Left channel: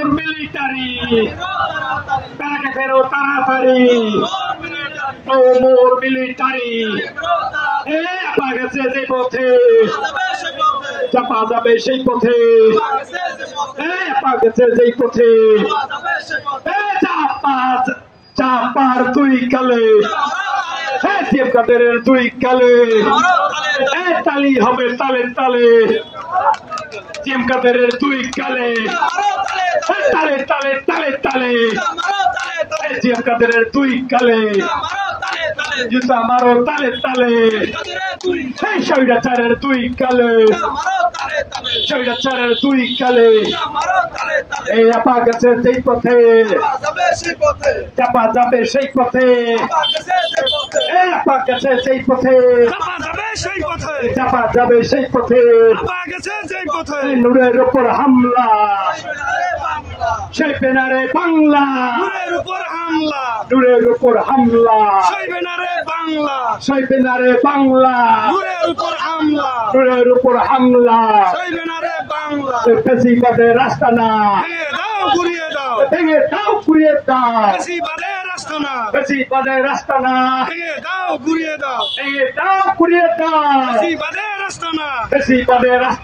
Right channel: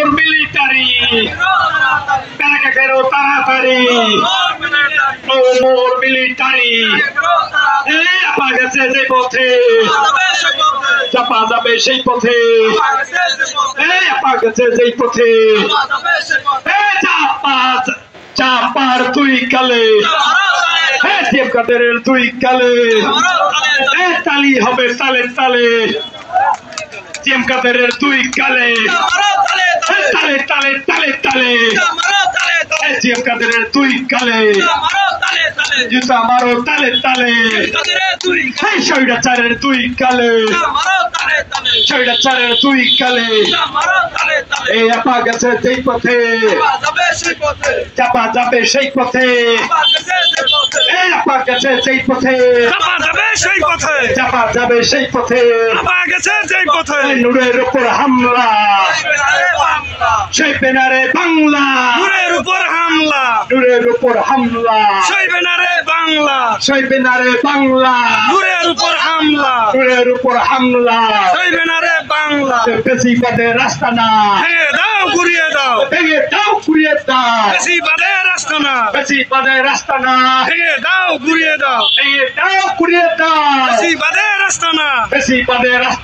মোর military ব্যাগে ফেরো তাড়াতাড়ি ও মোর মিলিটারি আপা গেছে যে পথে চাপা যাবে সেই পথে আপা গেছে যেই পথে চাপার দুই কালে কাদের দুই কালে তালি হবে তালে তালে কাদের দুই কালে তালে তালে তালে তালে কাদের দুই কালে জুতা মারো তালে তালে স্বৈরাচারের দুই কালে স্বৈরাচারের দুই কালে এই আপা গেছে যেই পথে চাপা যাবে সেই পথে আপা গেছে যেই পথে চাপা যাবে সেই পথে নূরের উপর হামলা সেই বেনারে বাংলা নূরের উপর হামলা নূরের উপর হামলা সেই বেনারে বাংলা সেই বেনারে বাংলা নূরের উপর হামলা নূরের উপর হামলা সেই বেনারে বাংলা ফেসিবাদের রাস্তা না ভেঙে দাও ঘুরিয়ে দাও ভেঙে দাও ঘুরিয়ে দাও ফেসিবাদের রাস্তা না ফেসিবাদের রাস্তা না ভেঙে দাও ঘুরিয়ে দাও ভেঙে দাও ঘুরিয়ে দাও ফেসিবাদের রাস্তা না ফেসিবাদের রাস্তা